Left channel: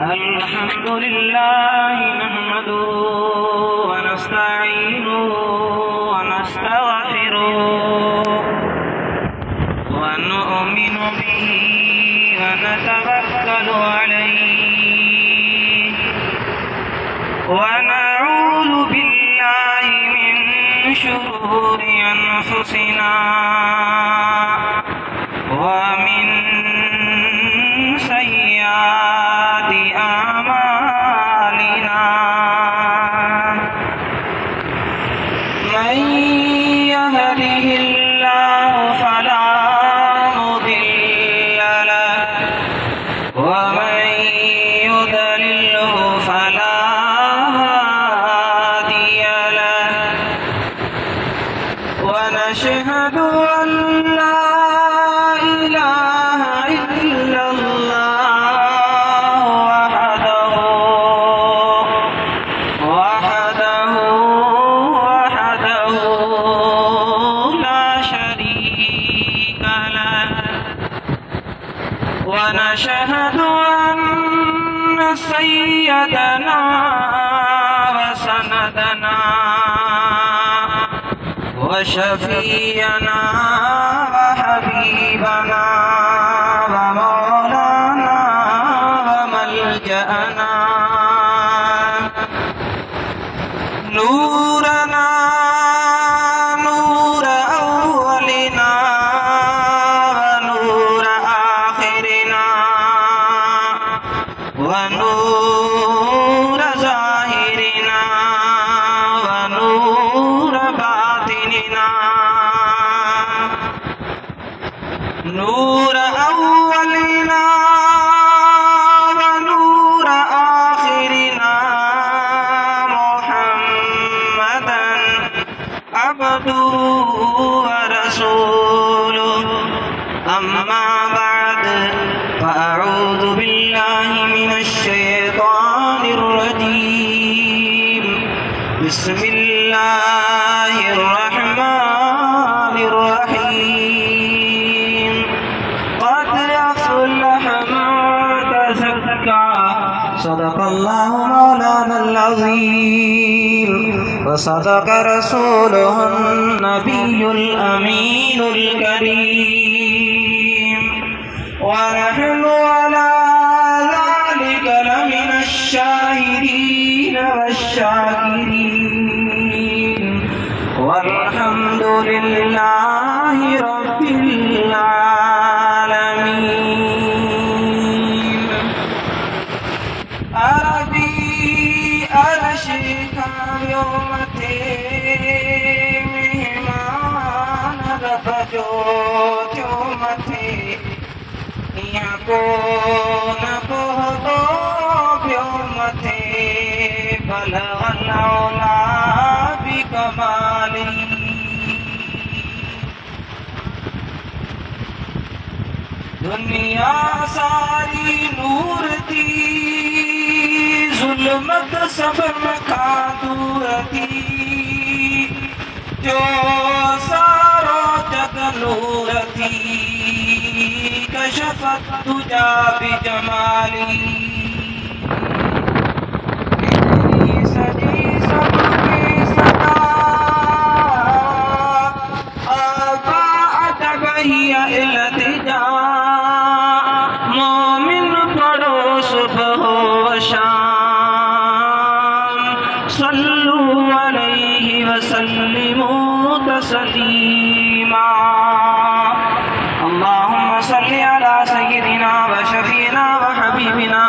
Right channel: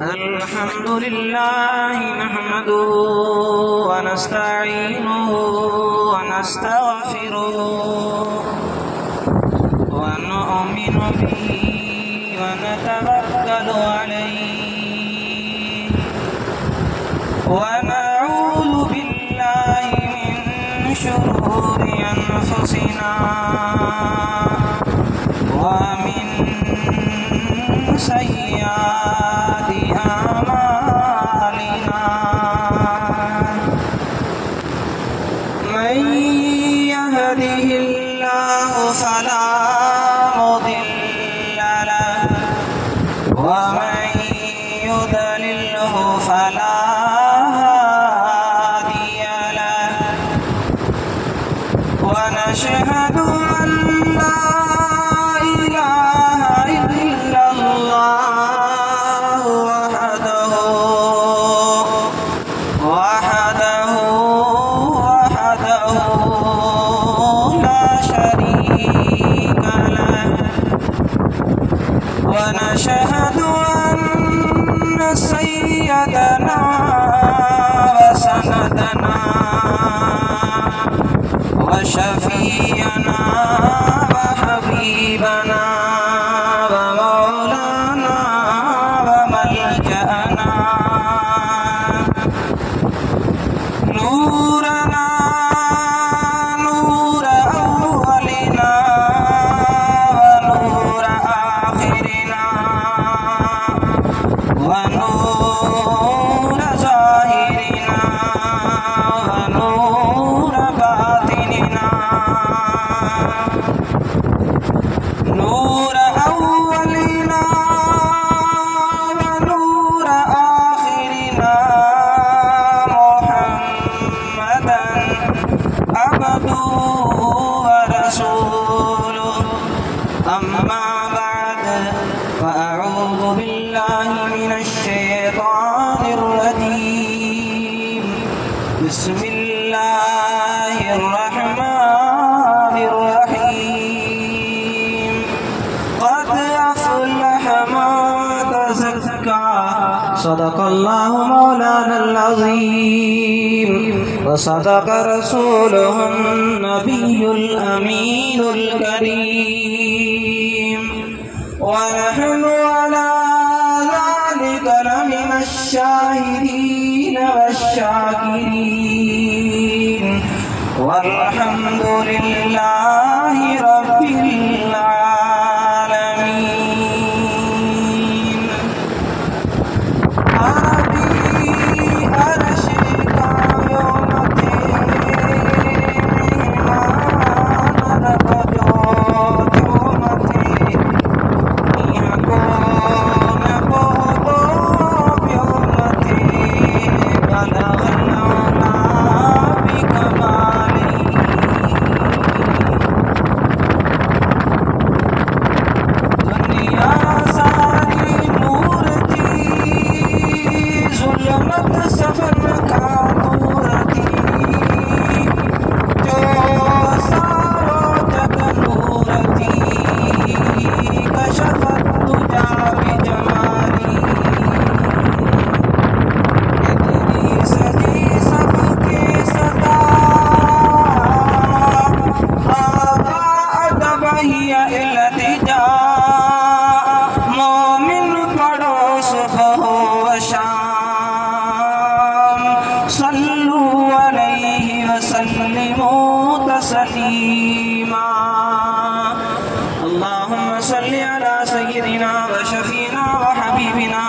الحمد لله نحمده ونستعينه ونستغفره ونؤمن به ونتوكل عليه ونعوذ بالله من شرور أنفسنا ومن سيئات أعمالنا من يهده الله فلا مضل له ومن يضلله فلا هادي له ونشهد أن لا إله إلا الله وحده لا شريك له ونشهد أن سيدنا وسندنا وشفيعنا وحبيبنا ومولانا وملجأنا نورنا نور أولنا ونور آخرنا ونور ظاهرنا ونور باطننا نور أولنا ونور آخرنا محمدا عبده ورسوله أما بعد فأعوذ بالله من الشيطان الرجيم بسم الله الرحمن الرحيم قد أفلح من تزكى صدق الله مولانا العظيم وصدق رسوله النبي الأمين الكريم ونحن على ذلك لمن الشاهدين والشاكرين والحمد لله رب العالمين عربي أرشك يوم مهمان ربجوت يومتي يكون قطب يومتي بلغ العلا بكمالي دنیا ساری نور تھی ظلمت سفر کا نور تھی جو سارو جگ نور تھی کشفت تجا بجمالی سجی سب کے صدا آقا ادب ہی التجا مومن پڑھو صبح و شام صلو علیہ وسلموا تسلیما اللهم صل على سيدنا وشفينا وحبيبنا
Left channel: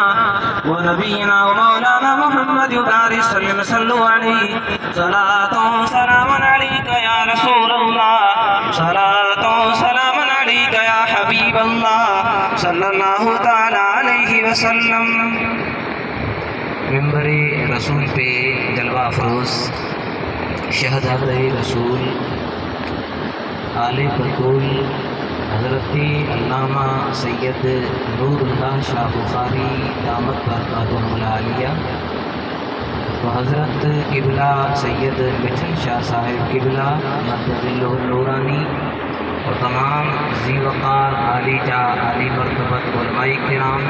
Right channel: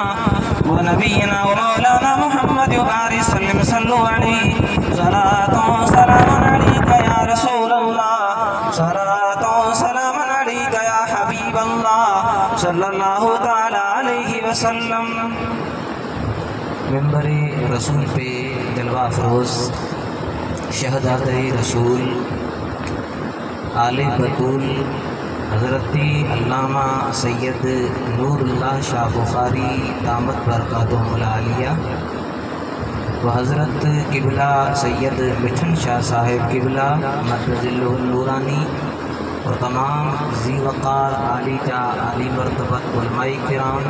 ونبينا ومولانا محمد وبارك وسلم صلوا عليه صلاة وسلام عليك يا رسول الله صلاة وسلام عليك يا حبيب الله صلى الله تعالى عليه وسلم ممبر رسول پہ جلوہ افروز شہدات رسول آل بطول حضرت علامہ سید نور اللہ شاہ بخاری دامت برکاتہم العالیہ و حضرت قبلہ سید مٹھن شاہ صاحب قبلہ مدظلہ النورانی اور تمام ذی وقار عالی جا عالی مرتبت علماء کرام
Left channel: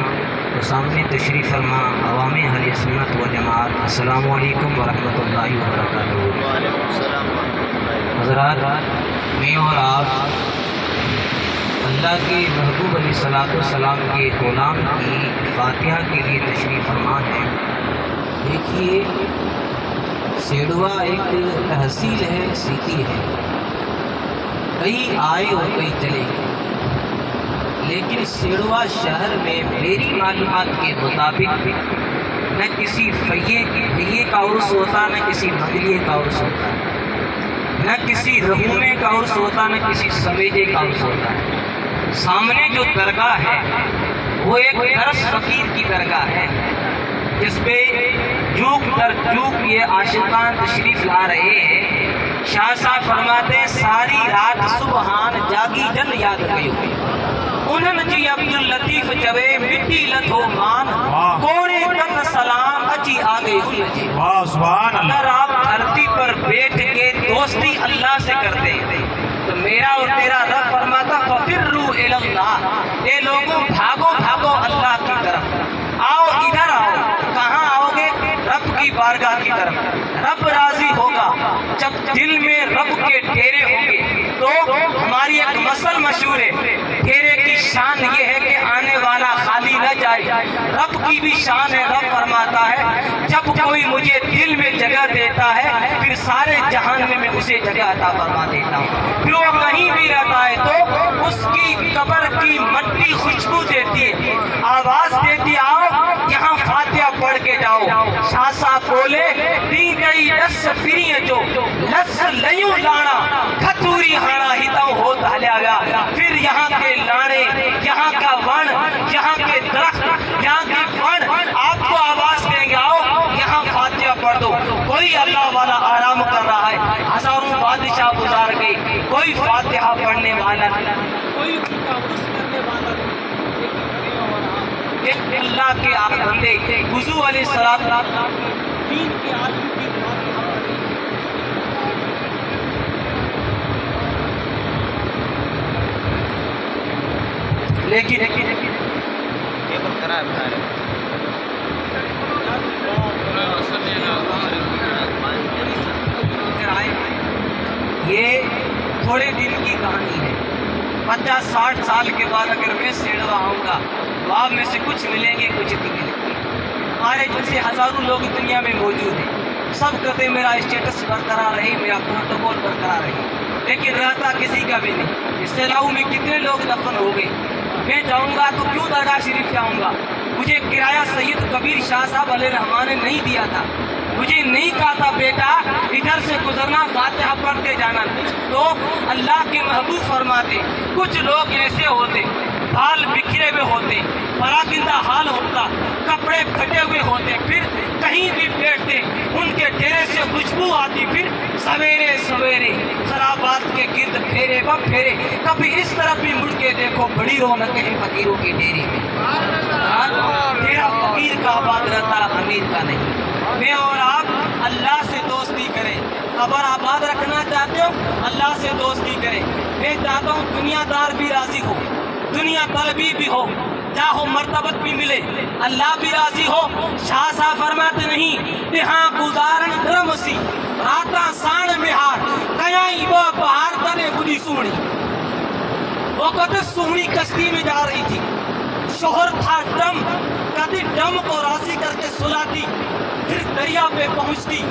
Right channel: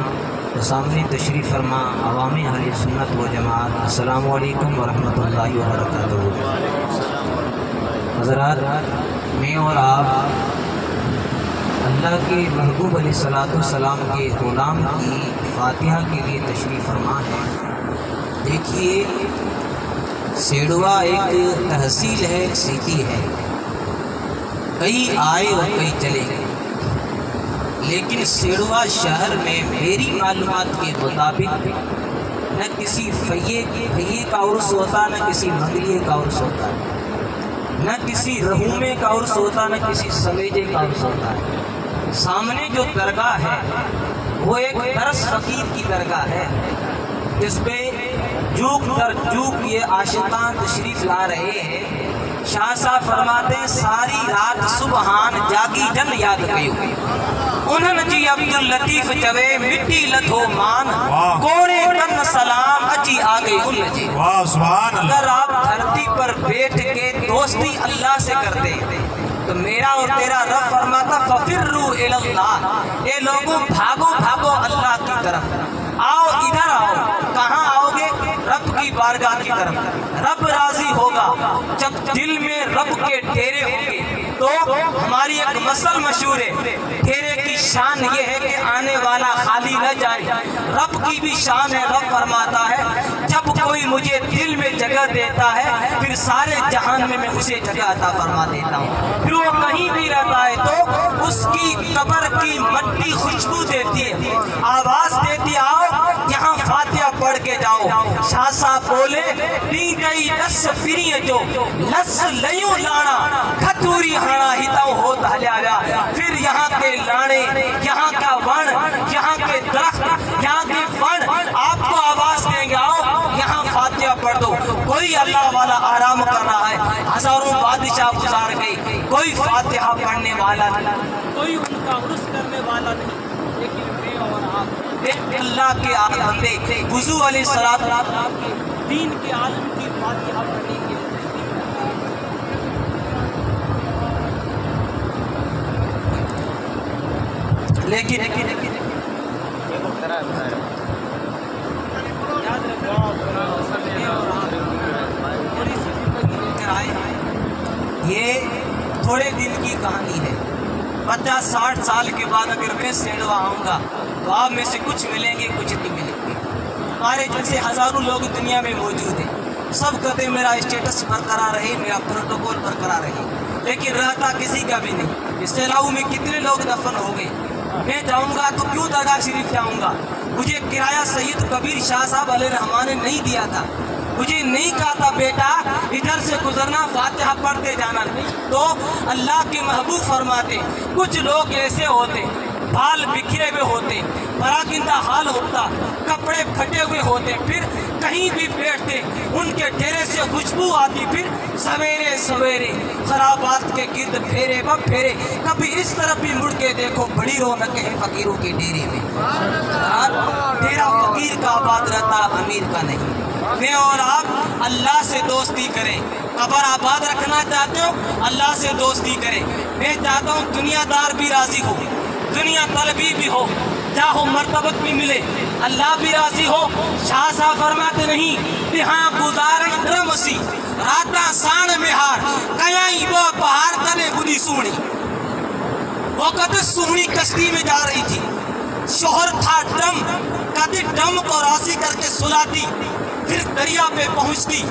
و سامنے تشریف فرما عوام اہل سنت و جماعت، السلام علیکم ورحمۃ اللہ وبرکاتہ۔ وعلیکم السلام ورحمۃ اللہ۔ حضرات، میں اور آپ اللہ کے محبوب علیہ السلام کے غلام کی فاتحہ کے لیے تشریف فرما ہے۔ دیکھیے، سیڑوا ایک تحصیل ہے، سٹی ہے، کئی آئے اور کئی چلے گئے، لیکن سیڑوا شہر میں میری معلومات کے مطابق نہ کسی فیے کا عرس ہوتا، نہ کسی مغلیے کا عرس ہوتا، نہ کسی رحومے کا عرس ہوتا، نہ کسی سویجے کا عرس ہوتا ہے۔ سامنے جو درگاہ ہے وہ ایک درس فقیر کی درگاہ ہے، جس پہ جوک در جوک یہ عاشقان تشریف لا رہے ہیں۔ شاہ صاحب فرماتے ہیں ساری رات سبحان جاگی جن یاد گئی انہن جی عبداللطیف جوے مٹی لدھو مان کوڑے کن سلام اچھی آگئی انہن جی۔ اگر آپ دھرتی پر بیٹھ کے دوستی اللہ سے کرتے تو میرا اور تیرا رب فرماتا ففروا الی اللہ، اے لوگوں بھاگو بھاگو اللہ کی طرف، آؤ ادھر آؤ۔ کہاں آؤ گے؟ رب کی بارگاہ کی طرف۔ رب راضی ہوگا جب دل میں رب کے ڈیرے ہوں گے۔ تو ہماری ایک مثل مشہور ہے، ڈیرے کی شان یہ ہے کہ آنے والا خالی نہ جائے۔ رب کی بھی شان ہے، رب فرماتا ہے جب کوئی مجھے دل میں جگہ دیتا ہے پھر سارے جہان میں اسے جگہ عطا فرما دیتا ہوں۔ پھر وہ کہیں بھی رہتا ہے تو اس کی قبر کی مٹی خوشبو دیتی ہے، آواز دیتی آؤ یہاں فاتحہ پڑھ کے جاؤ۔ شاہ صاحب بولے ڈی گئی دس فری جو لس لیوں لانا کھتوری ہاڑا ہتاؤ ہو دھلیا گیا۔ پھر یہاں کے لاڑے، یہاں کا ون، یہاں کے درخت، یہاں کے فن آپ کو آواز دیں گے آؤ یہاں فاتحہ پڑھ دو۔ کوئی اللہ والا آرام کر رہا ہے، ہزاروں بادشاہ گزار گئی، کوئی فاتحہ پڑھنے والا نہیں، کوئی ان کا عرس کرنے والا نہیں، لیکن میں اور آپ ایک اللہ کے بندے وضو علیہ السلام کے دین کے عالم کی فاتحہ پڑھیں گے۔ لیکن یہ تھوڑے دن کی کہانی ہے۔ 50-60 سال کے بعد اگر میں سیڑوا آؤں گا تو آپ میں سے کچھ ملیں گے، کچھ نہیں ملیں گے۔ ہمارے جیسے ہزاروں لوگ دنیا میں موجود ہیں، سب کہتے میرا اسٹیٹس برقرار رہے، میرا پروٹوکول برقرار رہے، لیکن رہتا کسی کا بھی نہیں۔ اس سیلاؤ میں کتنے لوگ دفن ہو گئے۔ میں جاؤں گا تو کیوں درگاہ شریف جاؤں گا؟ مجھے کرایہ سید کبیر شاہ صاحب علیہ رحمان نے نہیں دیا تھا، مجھے نہیں کہا تھا بیٹا ادھر سے گزرنا فاتحہ پڑھتے جانا۔ تو اللہ کے محبوب فرماتے کچھ لوگ ایسے ہوتے بال بکھرے ہوئے ہوتے، پراکندہ حال ہوتا، کپڑے پھٹے ہوئے ہوتے، پھر کہیں بھی بیٹھتے ان کے ڈیرے سے خوشبو آتی، پھر سویرے سویرے خرابات کے گرد پھیرے بم پھیرے، کبھی اس طرف بھی مڑ کے دیکھو بڑی رونق ہے فقیروں کے ڈیرے میں۔ ڈیرا فقیر کا آباد رہتا، امیر کا نہیں۔ میں اور آپ اللہ سے دوستی کریں۔ قبر آباد رکھنا چاہتے ہو اللہ سے دوستی کریں۔ میں چاہتا ہوں دنیا دار بھی راضی ہو، دنیا طلبی بھی ہو، جاہو مرتبت بھی ملے، اللہ بھی راضی ہو۔ شاہ صاحب فرماتے نہیں تہاں گزارن درمسی راتا سان مہار کیائی وہ بہار تنے بدی سونی۔ وہ کہتے سونی کشتی میں جا رہی تھی، شوہر تھا ڈم، کہتے ڈم کو راضی کر کے سلاتی، پھر دریا پہ پہنچتی،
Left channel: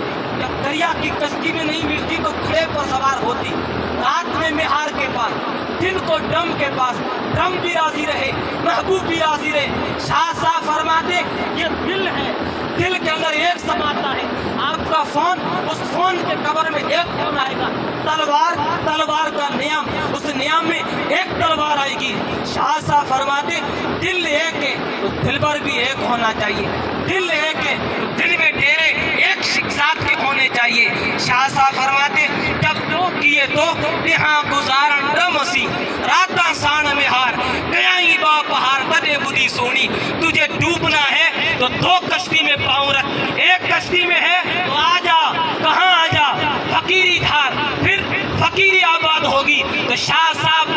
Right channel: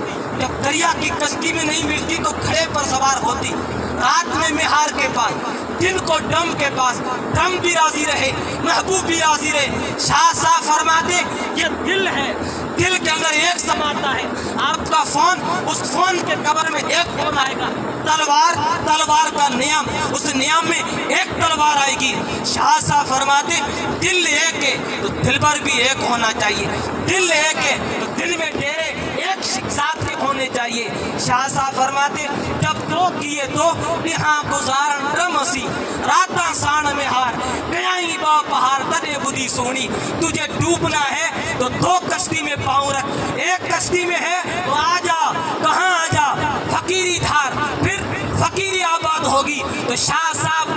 جب دریا کی کشتی میں نہیں ملتی تو گھڑے پر سوار ہوتی، رات میں مہار کے پاس، دن کو ڈم کے پاس، ڈم بھی راضی رہے، محبوب بھی راضی رہے۔ شاہ صاحب فرماتے یہ دل ہے، دل کے اندر ایک سماتا ہے، آپ کا فون، اس فون کے کور میں ایک فون آئے گا، تلوار، تلوار کا نیام، اس نیام میں ایک تلوار آئے گی۔ شاہ صاحب فرماتے دل ایک ہے تو دل بھر بھی ایک ہونا چاہیے، دل ایک ہے تو دل میں ڈیرے ایک ساتھ کے ہونے چاہیے۔ شاہ صاحب فرماتے جب جو کیے تو یہاں گزارن دمسی راتا سان میں ہار کیائی با پہار تنے بدی سونی۔ تجھے ڈوبنا ہے تو دو کشتی میں پاؤں رکھ، ایک کشتی میں ہے تو آ جا، کہاں آ جا، فقیری دھار، پھر فقیری آباد ہوگی۔ تو شاہ صاحب